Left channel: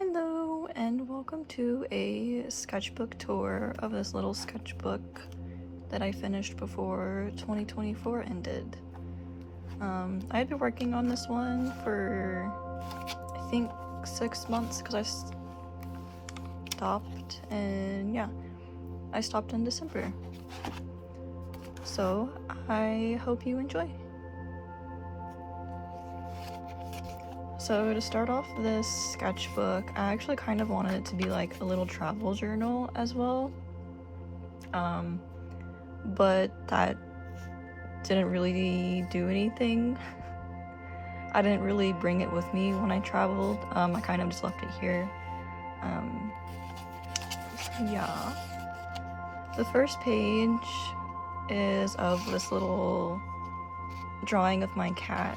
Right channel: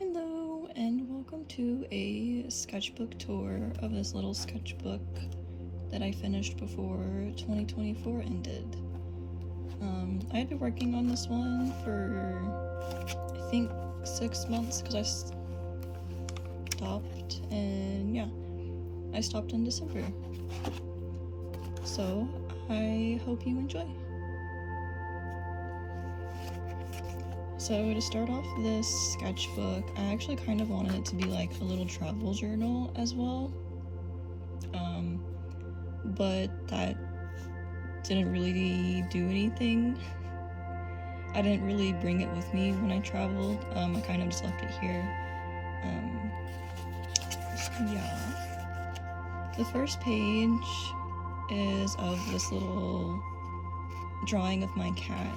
Hello and welcome to a sketchbook tour of this little sketchbook that I finished before 2024 ended. I had been working on this one for I think 6 months because I stopped, and yeah, I stopped in December. So I hope you enjoy. So to start off this sketchbook, I actually kind of wanted it to be like a little travel journal as well. But that didn't really do anything. I didn't really bring it with me when I traveled. I kind of just left it here. So yeah. The first page is of this little drawing of my cat,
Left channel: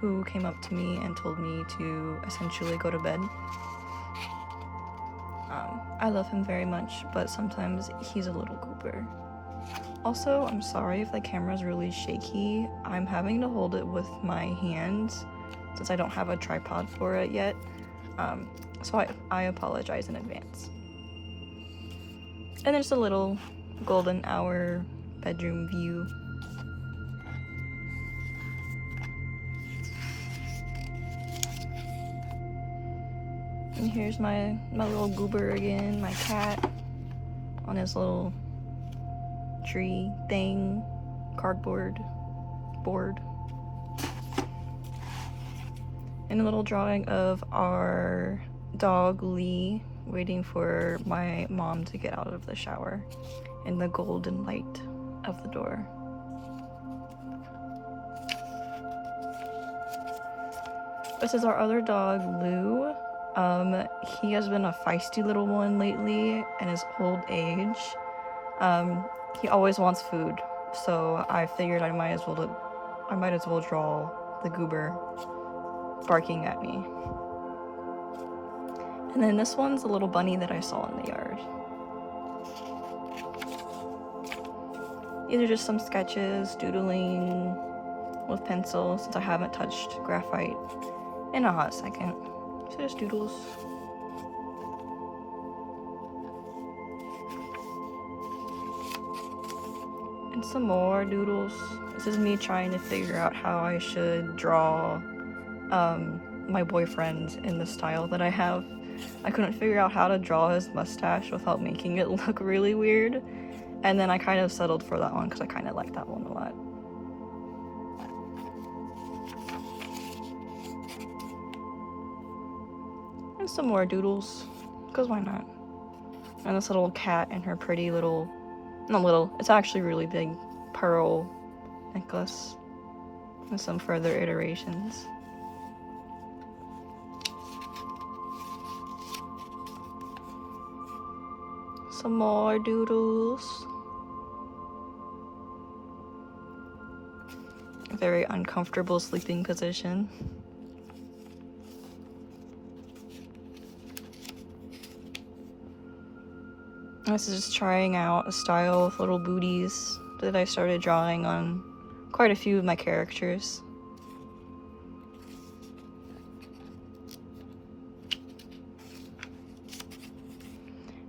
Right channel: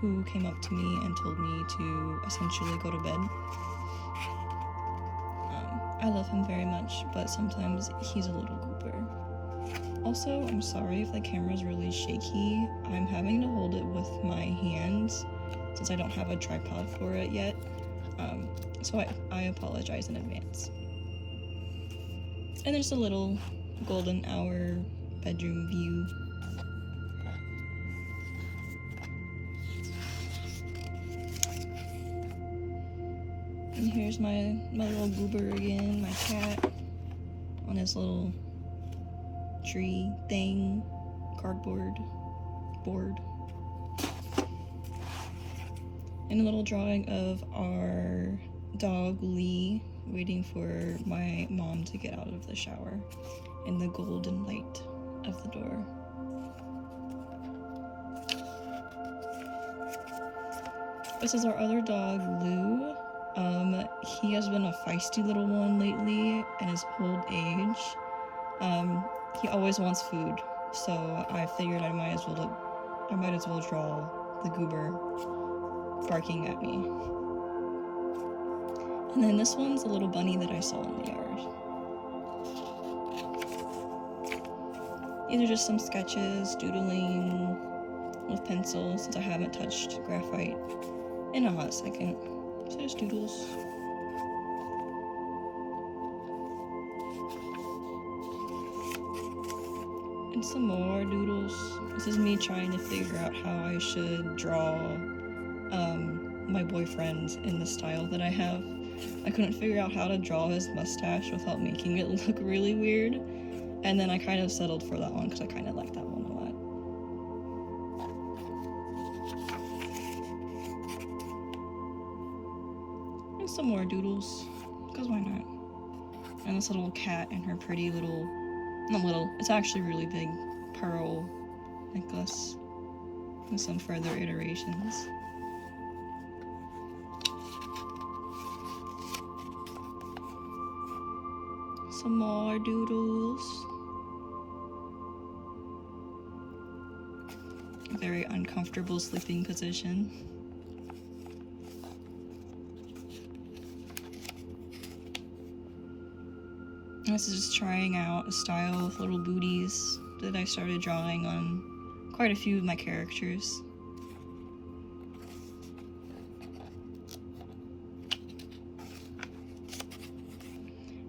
who came up to me and told me to essentially go to bed. I love him very much, but sometimes he's a little goober. Also, I'm sorry if the camera's really shaky. I'm having to hold it with my hands since I don't have a tripod for it yet. So I apologize in advance. And there's a little golden hour bedroom view. And here's my little goober again, my cat, on his little tree thing, cardboard board. And a little drawing of our dog Lee waiting for my mom to get out of the shower in the golden light of the door. This is our other dog, Lou. He has been a feisty little one lately in his old age. He always wants food, so I figured I might as well draw the goober barking at me. And then this one's a little bunny that I saw in the yard. These are just some sketches, doodling with pencil, since I haven't touched graphite in a hot second. So just doodles. And some more doodles. This is me trying to figure out how I should draw my boyfriend in the style that I have. I couldn't figure out how to draw his mustache without making it look really weird. And then I kind of settled for that one because I kind of like that one a lot. And some more doodles, because why not? And this little cat and her pretty little, not little, it's actually really big pearl necklace. And some further iterations. Some more doodles. A very uncomfortable sleeping position. This is just trying out a style with little booties that I started drawing on quite a few of my characters.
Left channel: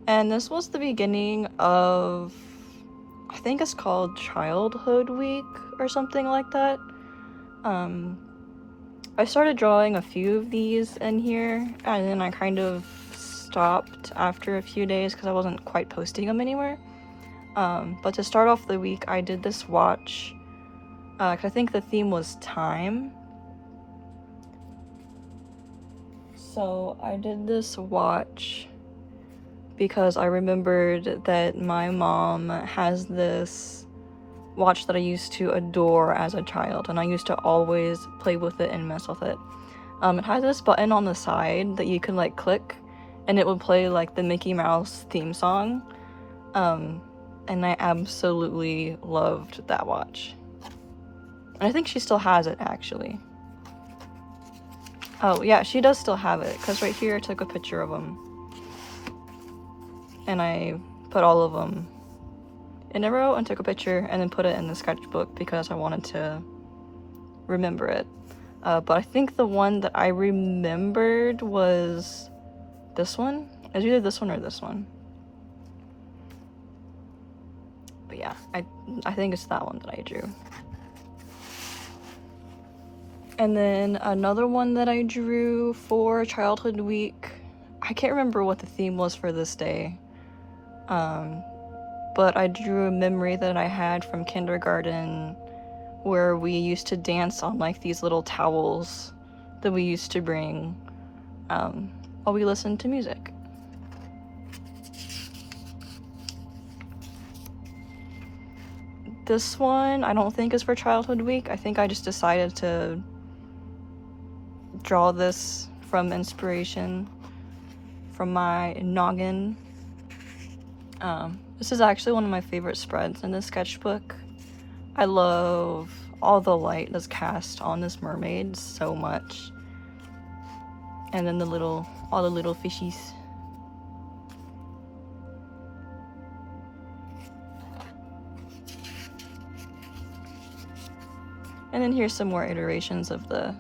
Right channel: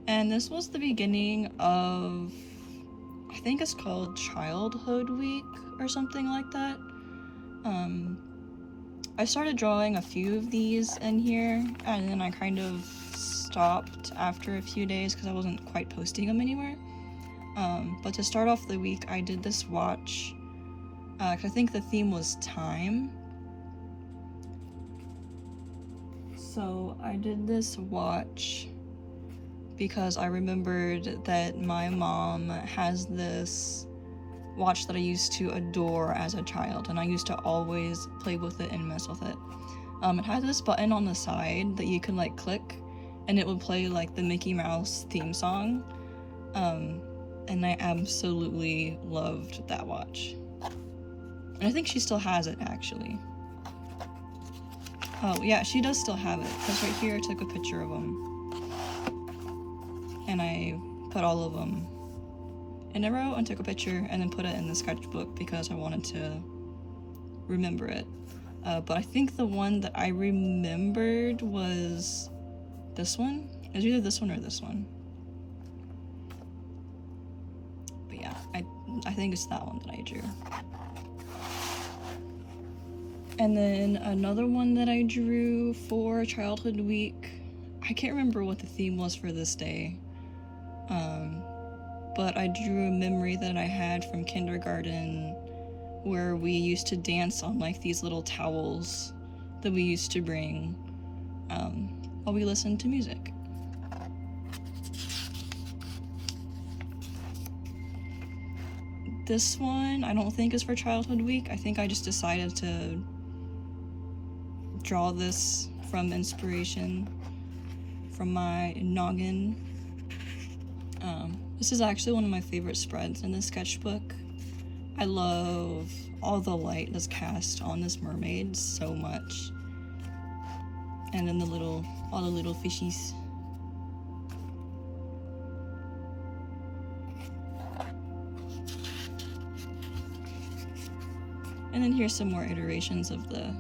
And this was the beginning of, I think it's called Childhood Week or something like that. I started drawing a few of these in here, and then I kind of stopped after a few days because I wasn't quite posting them anywhere. But to start off the week, I did this watch, because I think the theme was time. So I did this watch because I remembered that my mom has this watch that I used to adore as a child, and I used to always play with it and mess with it. It has this button on the side that you can like click, and it would play like the Mickey Mouse theme song. And I absolutely loved that watch. And I think she still has it, actually. Oh yeah, she does still have it, because right here I took a picture of them. And I put all of them in a row and took a picture and then put it in the sketchbook because I wanted to remember it. But I think the one that I remembered was this one. It was either this one or this one. But yeah, I think it's that one that I drew. And then another one that I drew for Childhood Week, I can't remember what the theme was for this day, but I drew a memory that I had from kindergarten where we used to dance on like these little towels that we used to bring while we listened to music. This one I don't think is for Childhood Week. I think I just decided to draw this from inspiration from my noggin. This is actually one of my favorite spreads in this sketchbook. I love all the light that's cast on this mermaid so much. And then all the little fishies. And then here's some more iterations of the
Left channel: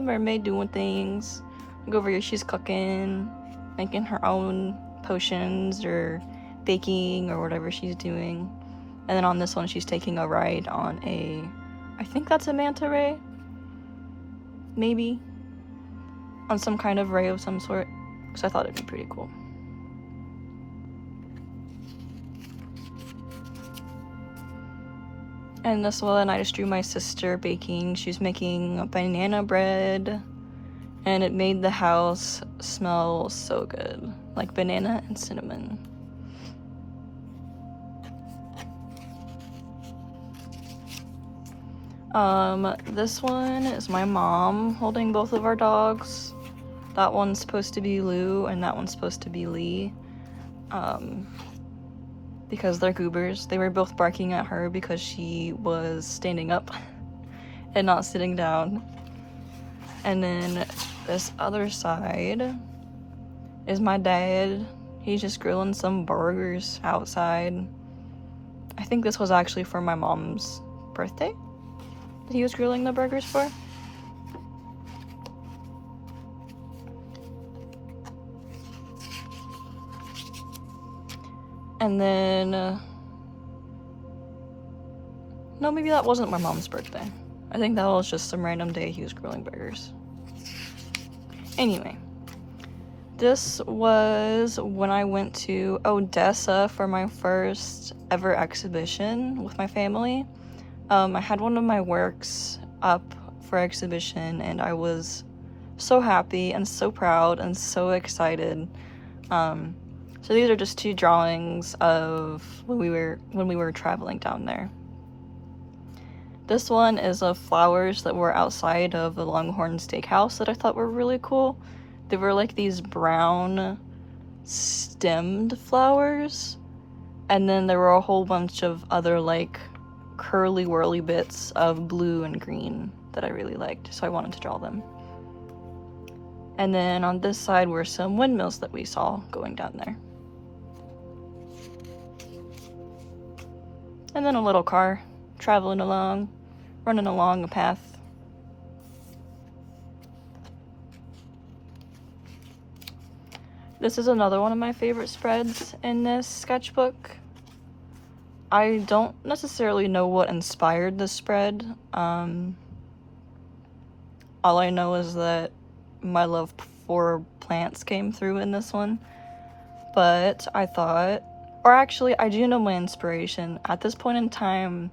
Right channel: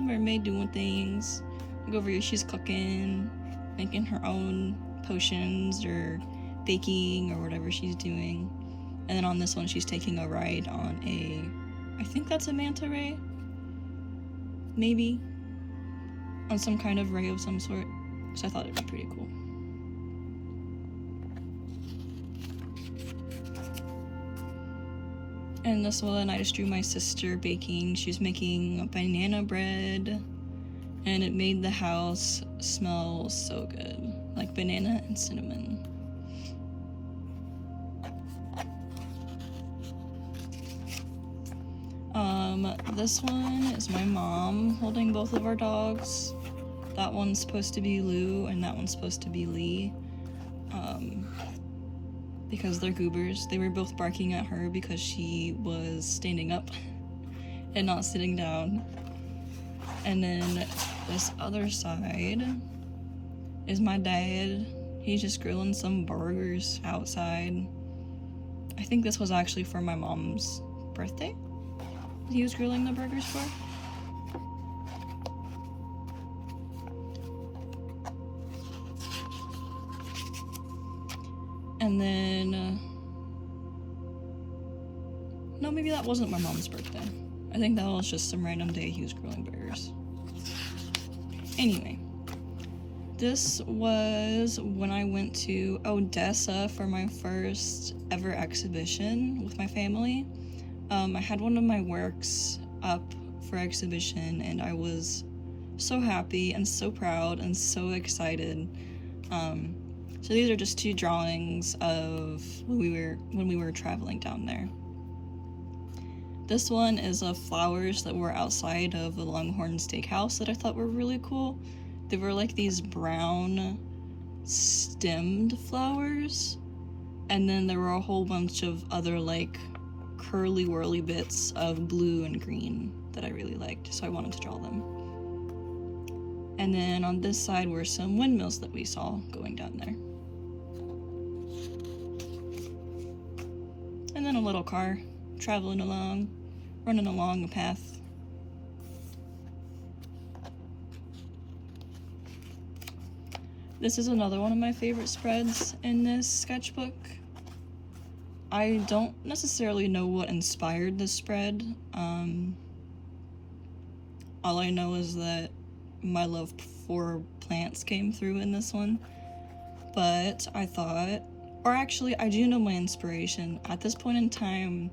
mermaid doing things. Like over here, she's cooking, making her own potions or baking or whatever she's doing. And then on this one, she's taking a ride on I think that's a manta ray? Maybe? On some kind of ray of some sort. Because I thought it'd be pretty cool. And this one, I just drew my sister baking. She's making banana bread, and it made the house smell so good, like banana and cinnamon. This one is my mom holding both of our dogs. That one's supposed to be Lou, and that one's supposed to be Lee. Because they're goobers. They were both barking at her because she was standing up and not sitting down. And then this other side is my dad. He's just grilling some burgers outside. I think this was actually for my mom's birthday that he was grilling the burgers for. And then, no, maybe that wasn't my mom's birthday. I think that was just some random day he was grilling burgers. Anyway, this was when I went to Odessa for my first ever exhibition with my family. I had one of my works up for exhibition, and I was so happy and so proud and so excited. So these are just two drawings of when we were traveling down there. This one is of flowers that were outside of the Longhorn Steakhouse that I thought were really cool. They were like these brown stemmed flowers, and then there were a whole bunch of other like curly whirly bits of blue and green that I really liked, so I wanted to draw them. And then on this side were some windmills that we saw going down there. And then a little car traveling along, running along a path. This is another one of my favorite spreads in this sketchbook. I don't necessarily know what inspired this spread. All I know is that my love for plants came through in this one. But I thought, or actually I do know my inspiration. At this point in time,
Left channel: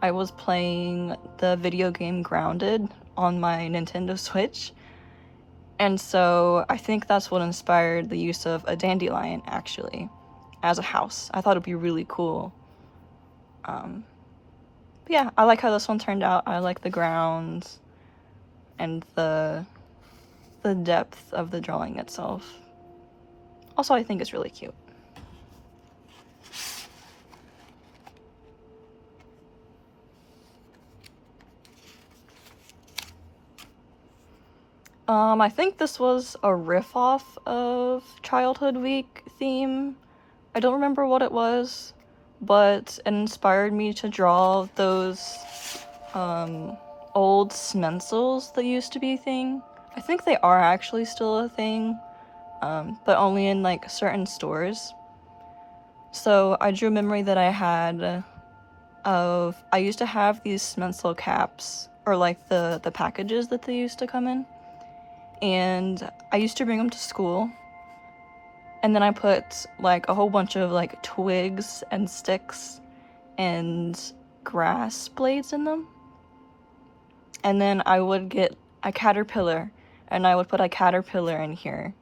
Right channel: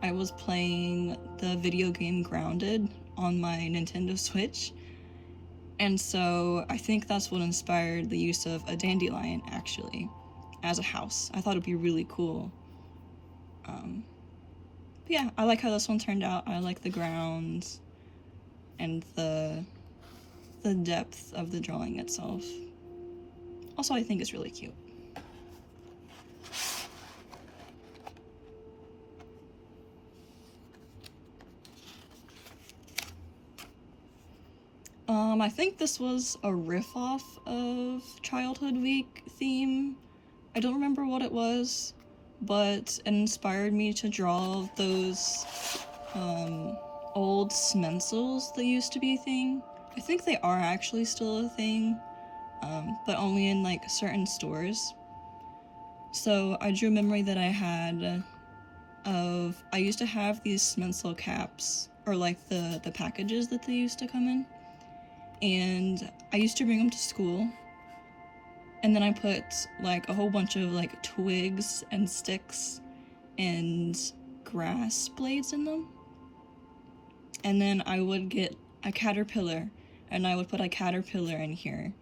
I was playing the video game Grounded on my Nintendo Switch. And so I think that's what inspired the use of a dandelion, actually, as a house. I thought it'd be really cool. But yeah, I like how this one turned out. I like the grounds and the depth of the drawing itself. Also, I think it's really cute. I think this was a riff off of Childhood Week theme. I don't remember what it was, but it inspired me to draw those old Smensels that used to be a thing. I think they are actually still a thing, but only in like certain stores. So I drew a memory that I had of, I used to have these Smensel caps, or like the packages that they used to come in, and I used to bring them to school, and then I put like a whole bunch of like twigs and sticks and grass blades in them, and then I would get a caterpillar, and I would put a caterpillar in here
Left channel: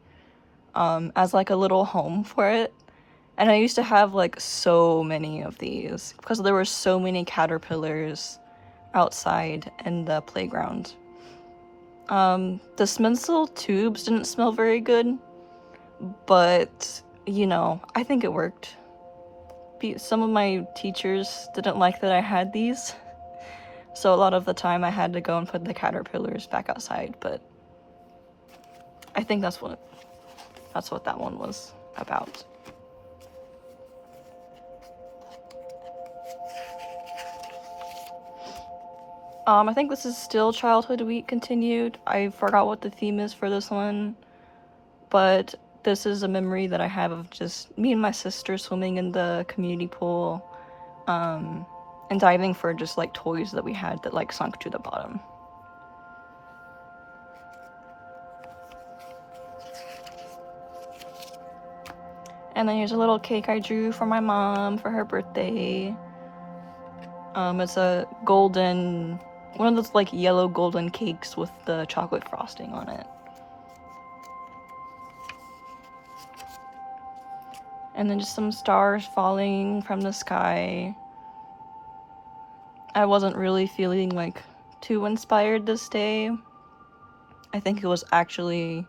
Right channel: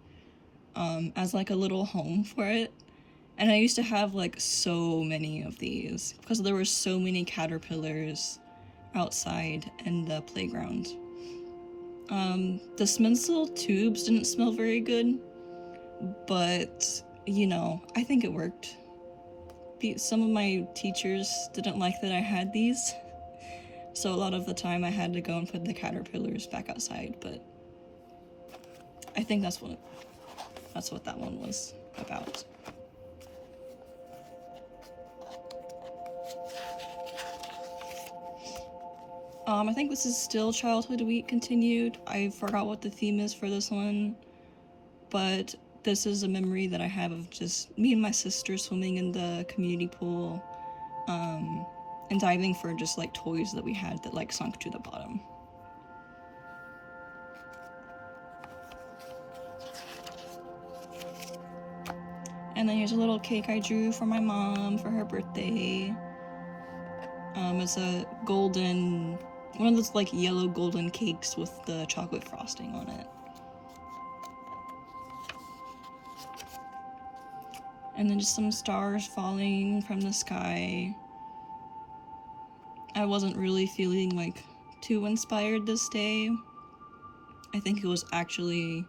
as like a little home for it. And I used to have like so many of these because there were so many caterpillars outside in the playground. The Smensel tubes didn't smell very good, but you know, I think it worked. Some of my teachers didn't like that I had these, so a lot of the time I had to go and put the caterpillars back outside, but I think that's what that one was about. I think this is still Childhood Week continued. I forgot what the theme is for this one, but this is a memory that I have of just me and my sister swimming in the community pool, and diving for just like toys that we had that like sunk to the bottom. And then here's a little cake I drew for my mom for her birthday. It's a golden, one of those like yellow golden cakes with the chocolate frosting on it. And then just some stars falling from the sky. I wasn't really feeling like too inspired this day. I think it was actually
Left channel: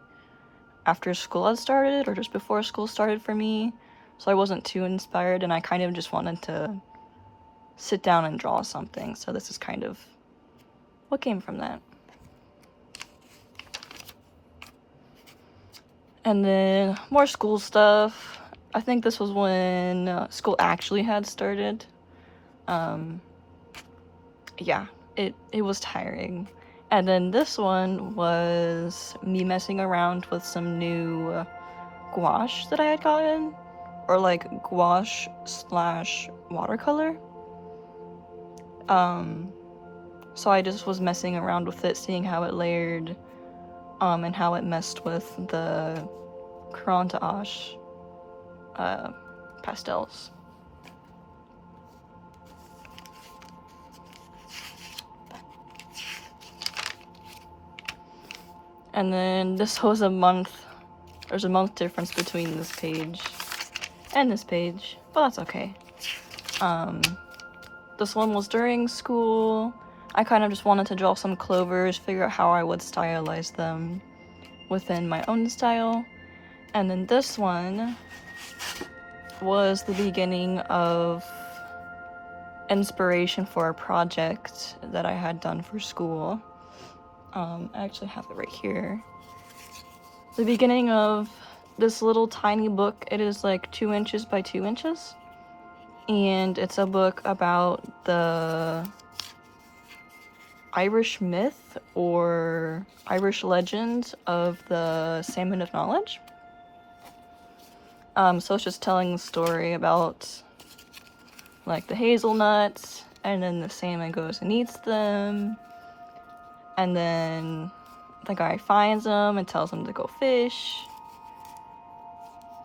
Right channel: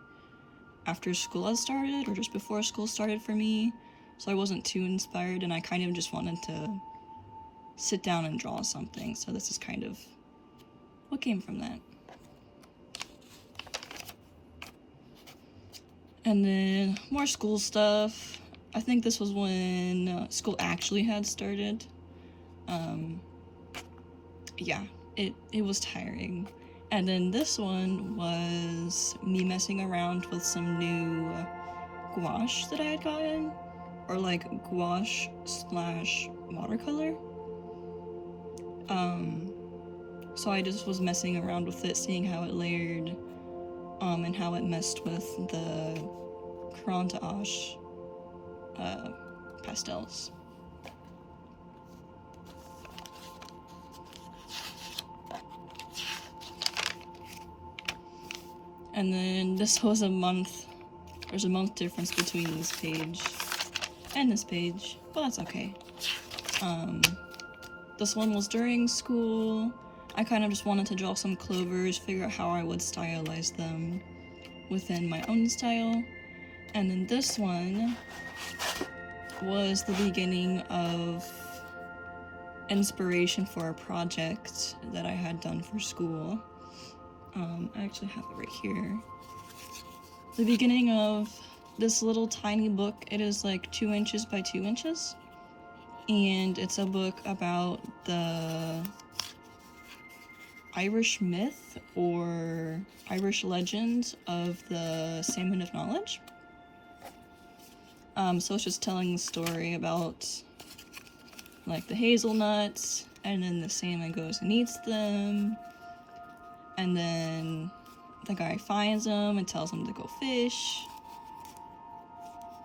after school had started or just before school started for me, so I wasn't too inspired, and I kind of just wanted to sit down and draw something, so this is kind of what came from that. And then more school stuff. I think this was when school actually had started. Yeah, it was tiring. And then this one was me messing around with some new gouache that I had gotten, or like gouache / watercolor. So I just was messing around with it, seeing how it layered, and how it messed with the crayon d'Ache pastels. And then this was a month. There's a month difference between this page and this page, but that's okay. This one was during school. I kind of just wanted to draw some clovers, figure out how I would stylize them within my own style. And then this one was the beginning of inspiration for a project that I had done for school. I actually have it right here. The beginning of this little tiny book. It is like 2 inches by 2 inches. And it's a book about the Irish myth or Irish legend of the Salmon of Knowledge. So it's just telling the story about like the hazelnuts, and then the salmon goes and eats them, and then the guy finds them and tells him to go fish,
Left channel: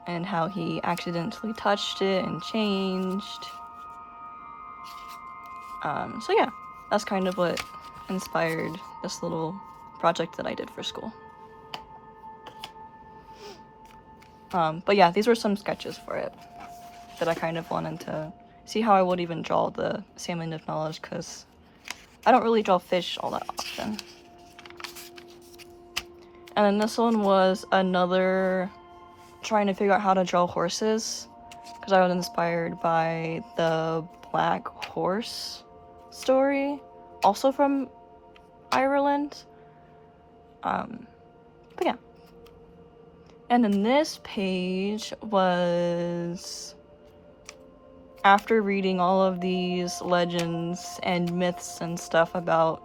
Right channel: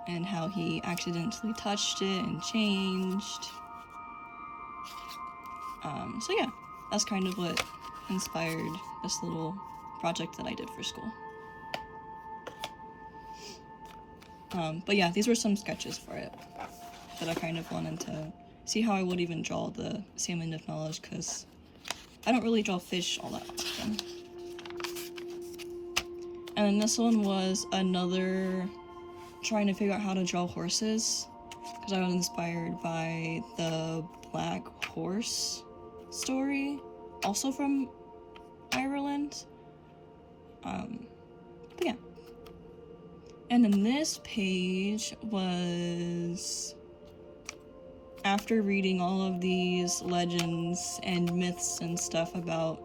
and how he accidentally touched it and changed. So yeah, that's kind of what inspired this little project that I did for school. But yeah, these were some sketches for it that I kind of wanted to see how I would even draw the Salmon of Knowledge, because I don't really draw fish all that often. And then this one was another trying to figure out how to draw horses, because I was inspired by the Black Horse story, also from Ireland. But yeah. And then this page was after reading all of these legends and myths and stuff about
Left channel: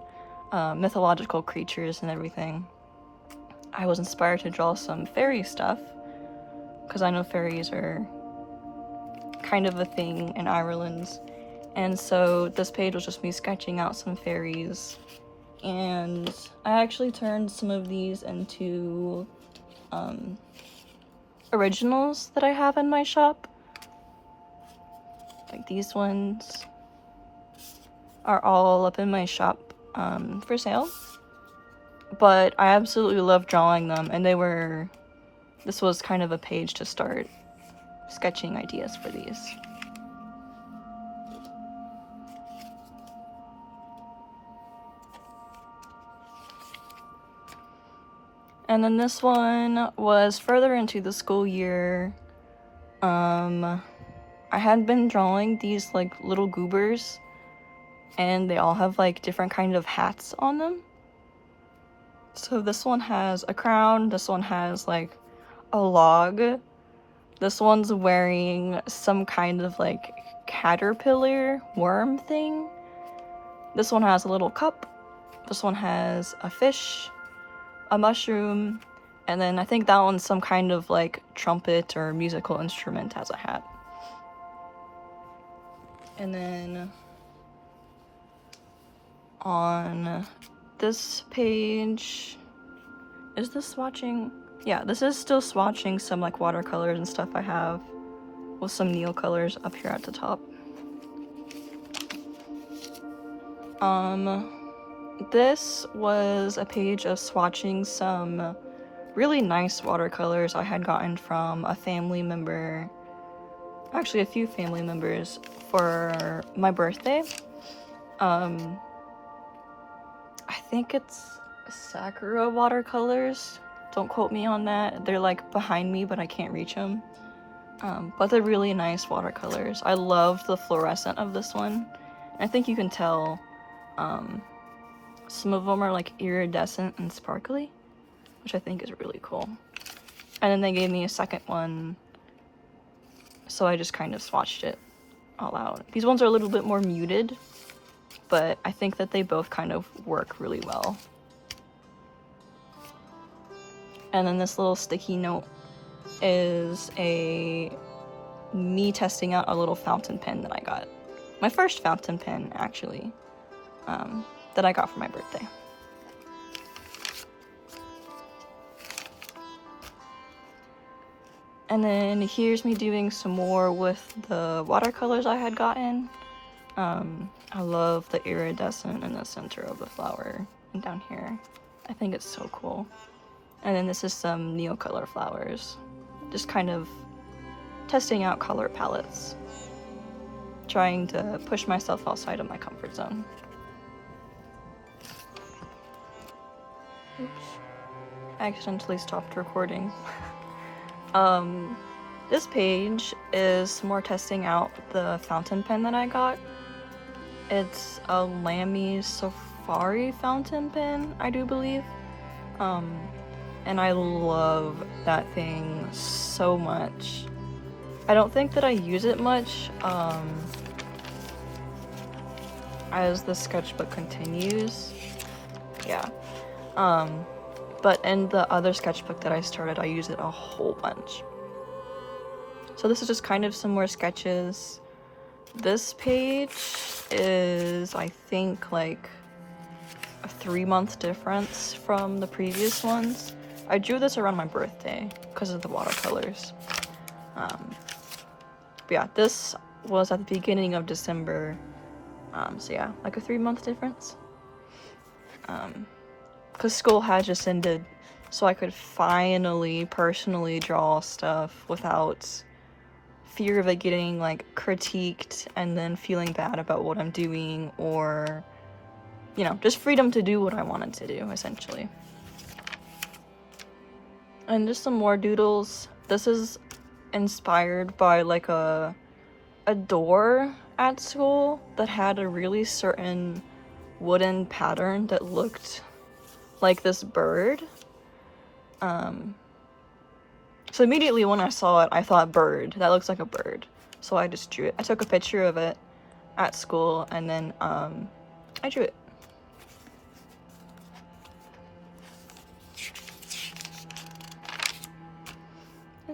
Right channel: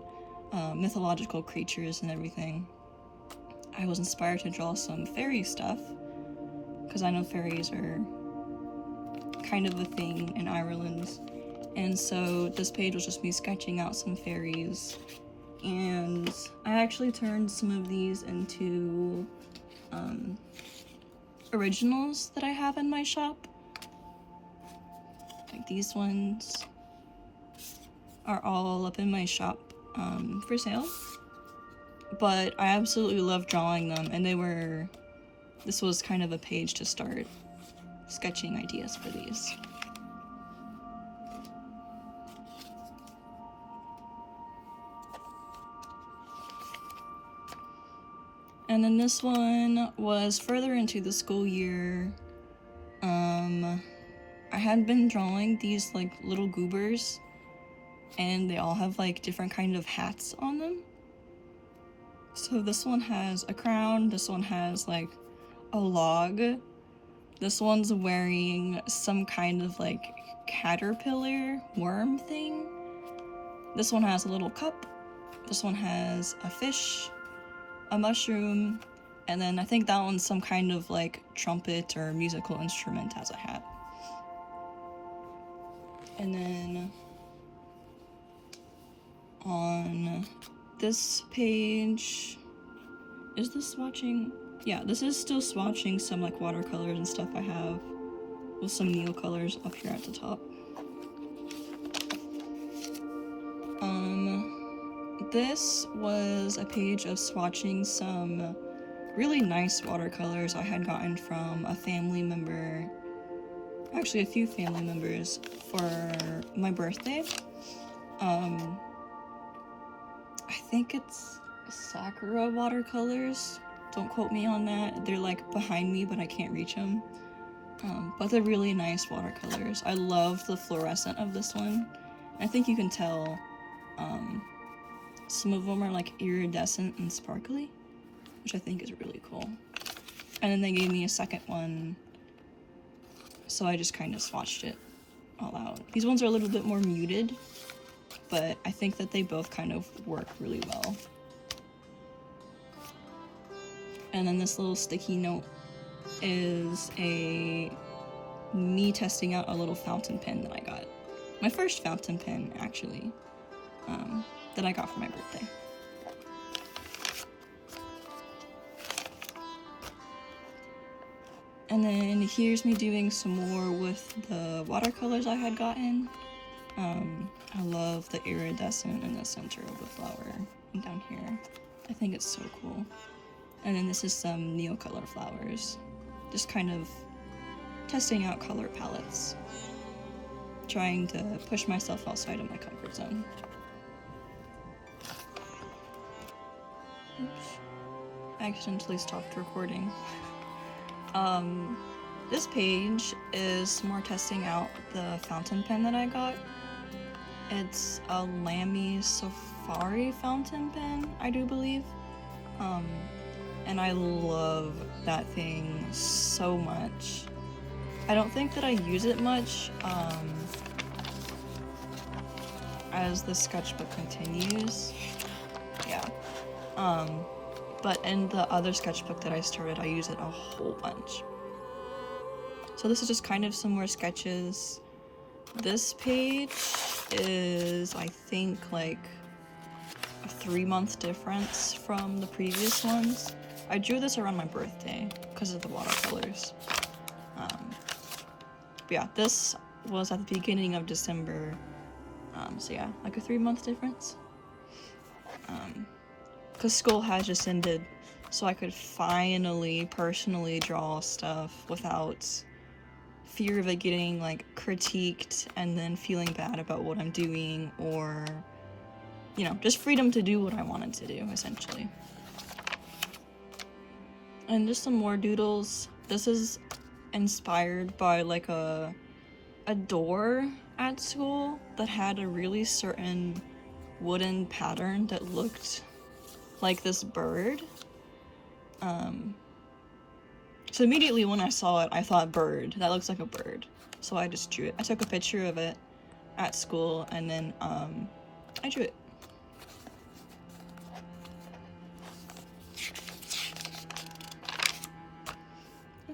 mythological creatures and everything. I was inspired to draw some fairy stuff, because I know fairies are kind of a thing in Ireland. And so this page was just me sketching out some fairies. And I actually turned some of these into originals that I have in my shop. Like these ones are all up in my shop for sale. But I absolutely love drawing them, and this was kind of a page to start sketching ideas for these. And then this one was further into the school year. I had been drawing these like little goobers, and they all have like different kind of hats on them. So this one has a crown, this one has like a log, this one's wearing some kind of like caterpillar worm thing, this one has a little cup, this one has a fish, a mushroom, and then I think that one's some kind of like trumpet or musical instrument as a hat. And then on this page, is this swatching? Yeah, this is still swatching some like watercolors and stuff I have with some Neil colors up here at the top. This was a page of swatching some really nice watercolors I had gotten from a family member, actually a few family members, for my birthday. I think it's Sakura watercolors. Don't quote me on that. They're like behind me, but I can't reach them. But they're really nice watercolors. I love the fluorescent of this one. I think you can tell some of them are like iridescent and sparkly, which I think is really cool. And then they gave me a second one, so I just kind of swatched it all out. These ones are a little bit more muted, but I think that they both kind of work really well. And then this little sticky note is me testing out a little fountain pen that I got. My first fountain pen, actually, that I got for my birthday. And then here's me doing some more with the watercolors I had gotten. I love the iridescent in the center of the flower and down here. I think it's so cool. And then this is some Neocolor flowers. Just kind of testing out color palettes. Trying to push myself outside of my comfort zone. Oops. I accidentally stopped recording. This page is more testing out the fountain pen that I got. It's a Lamy Safari fountain pen, I do believe. And I love that thing so much. I don't think that I use it much, as the sketchbook continues. Yeah. But in the other sketchbook that I started, I use it a whole bunch. So this is just kind of some more sketches. This page is, I think, like a 3-month difference from the previous ones. I drew this around my birthday because of the watercolors. But yeah, this was at the beginning of December. So yeah, like a 3-month difference. Because school has just ended, so I could finally personally draw stuff without fear of it getting like critiqued and then feeling bad about what I'm doing, or, you know, just freedom to do what I wanted to do, essentially. And just some more doodles. This is inspired by like a door at school that had a really certain wooden pattern that looked like this bird. So immediately when I saw it, I thought bird. That looks like a bird. So I just drew it. I took a picture of it at school, and then I drew it.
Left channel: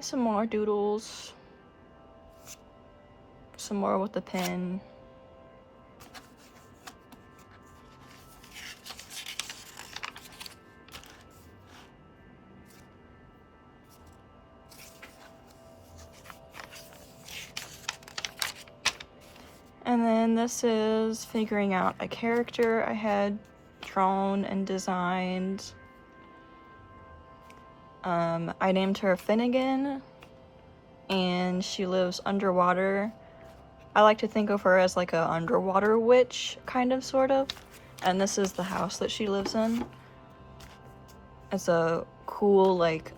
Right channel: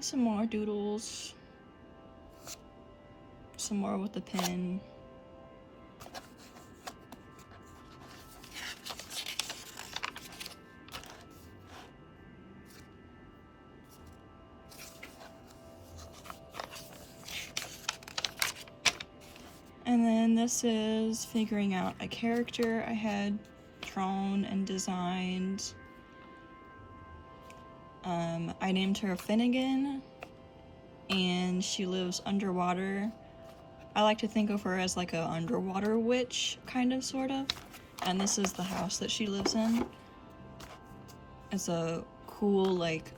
some more doodles. Some more with the pen. And then this is figuring out a character I had drawn and designed. I named her Finnegan, and she lives underwater. I like to think of her as like a underwater witch, kind of, sort of. And this is the house that she lives in. It's a cool, like,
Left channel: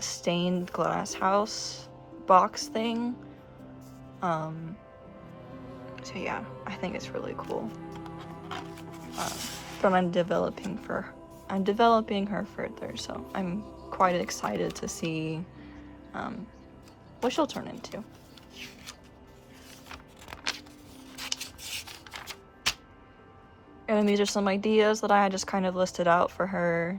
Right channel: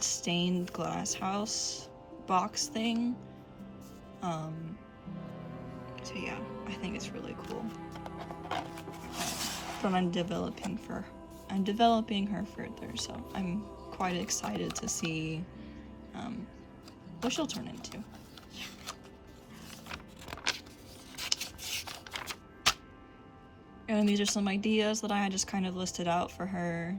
stained glass house box thing. So yeah, I think it's really cool. But I'm developing her further, so I'm quite excited to see what she'll turn into. And these are some ideas that I just kind of listed out for her.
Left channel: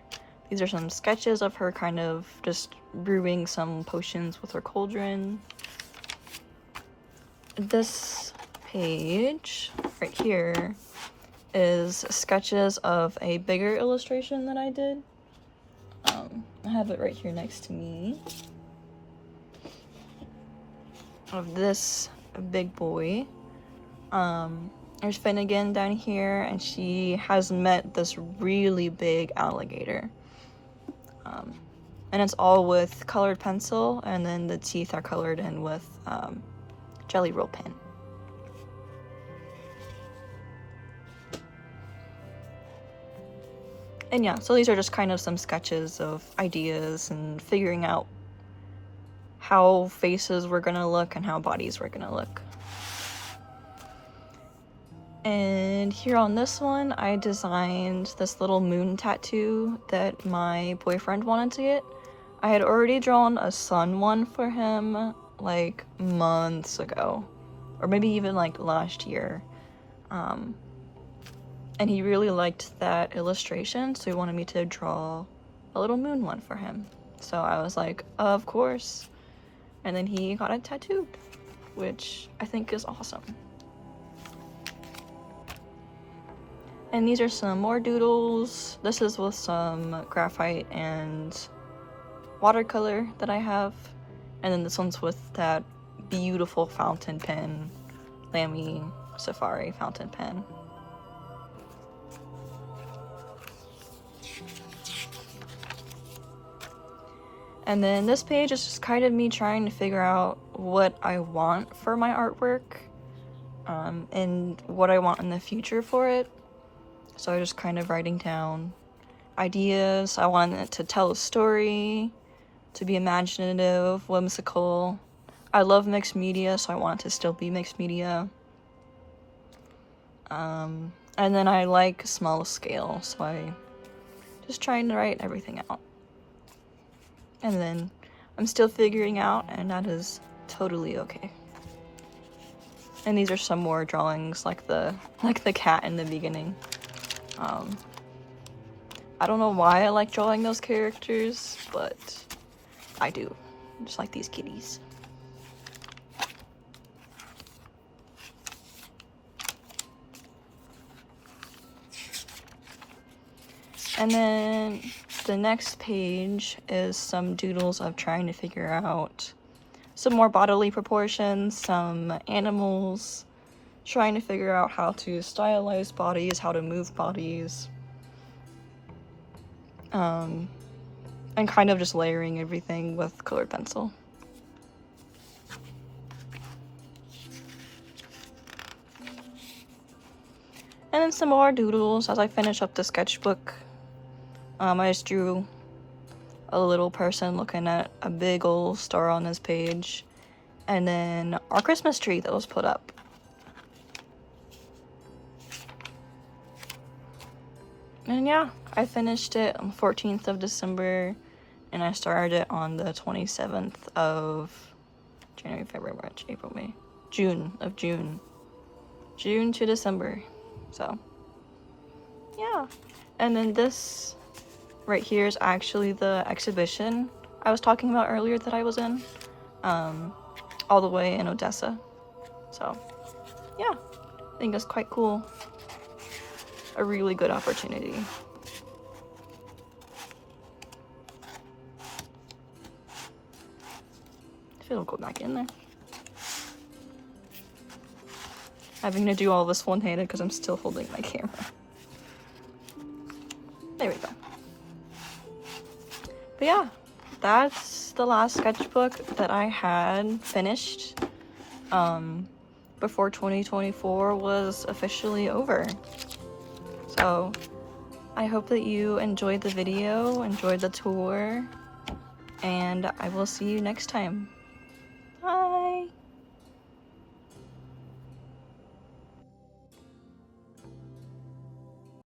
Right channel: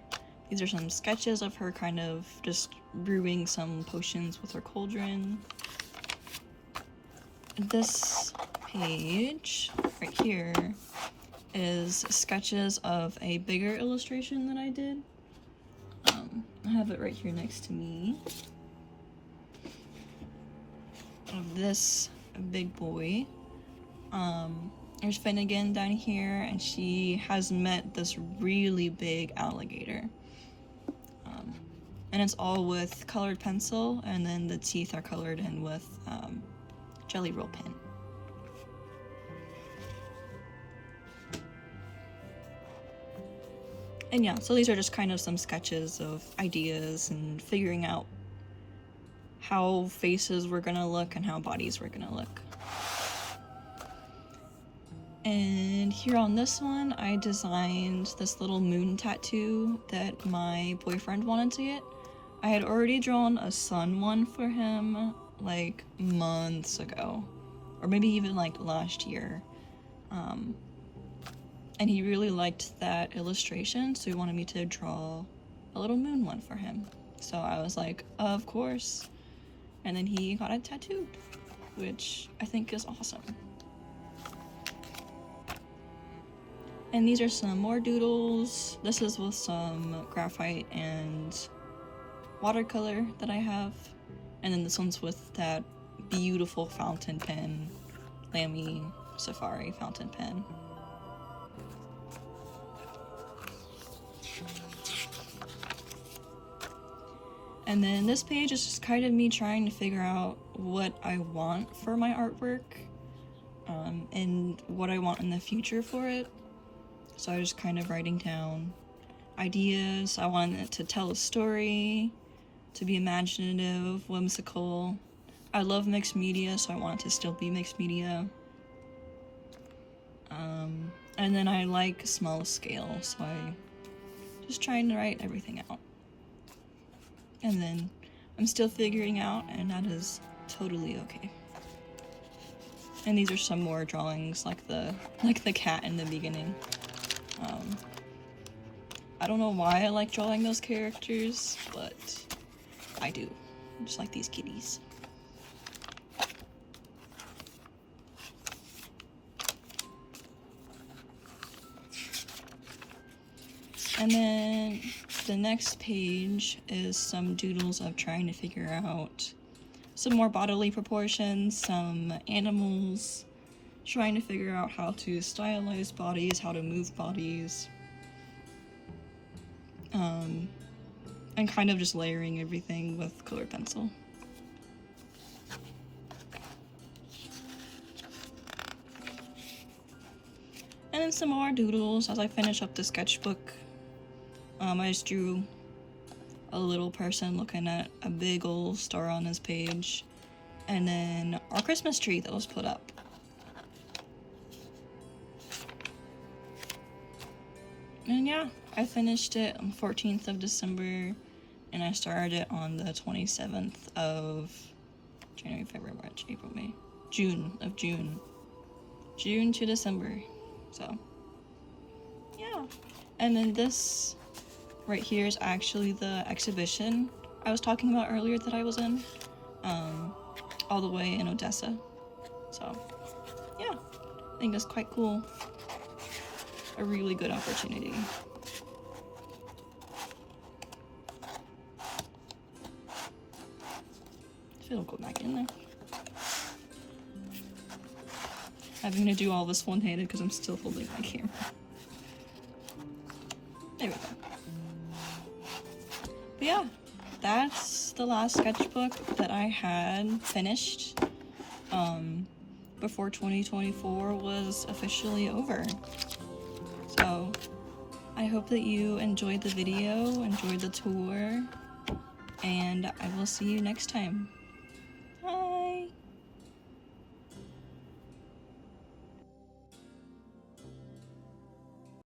These are some sketches of her kind of just brewing some potions with her cauldron. This page right here is sketches of a bigger illustration that I did. I have it right here next to me. Of this big boy. There's Finnegan down here, and she has met this really big alligator. And it's all with colored pencil, and then the teeth are colored in with Jelly Roll pen. And yeah, so these are just kind of some sketches of ideas and figuring out how faces were gonna look and how bodies were gonna look. And here on this one, I designed this little moon tattoo that my boyfriend wanted to get. I had already drawn a sun one for him like months ago, or maybe even like last year. And he really liked that illustration, so he wanted me to draw a little moon one for him. So I was like, of course. And then he got it tattooed, which I think is awesome. And these are some more doodles. This is with some graphite and watercolor that I have. And then this one's with that beautiful fountain pen, Lamy Safari fountain pen. And then this page is just kind of me trying to figure out what I want for my artwork, and what I want in the future for it. So I'm just kind of writing down ideas. I want it to tell a story, to be imaginative, whimsical. I love mixed media, so I want it to still be mixed media. And then I like small scale, so I just trying to write everything out. And then I'm still figuring out, and that is totally okay. And these are some more drawings, like the cat in the beginning. I don't know why I like drawing those characters, but I do. Just like these kitties. And then the next page is some doodles of trying to figure out some more bodily proportions, some animals, trying to figure out how to stylize bodies, how to move bodies, and kind of just layering everything with colored pencil. And then some more doodles as I finish up the sketchbook. I just drew a little person looking at a big old star on his page, and then our Christmas tree that was put up. And yeah, I finished it on 14th of December, and I started it on the 27th of January, February, March, April, May, June to December. So yeah, and then this right here is actually the exhibition I was talking about earlier that I was in, all the way in Odessa. So yeah, I think it's quite cool. A really good opportunity. If it'll go back in there. I'm gonna do all this one-handed because I'm still holding my camera. There we go. But yeah, that's the last sketchbook that I had finished before 2024 was officially over. So I hope that you enjoyed the video, enjoyed the tour, and I will see you next time.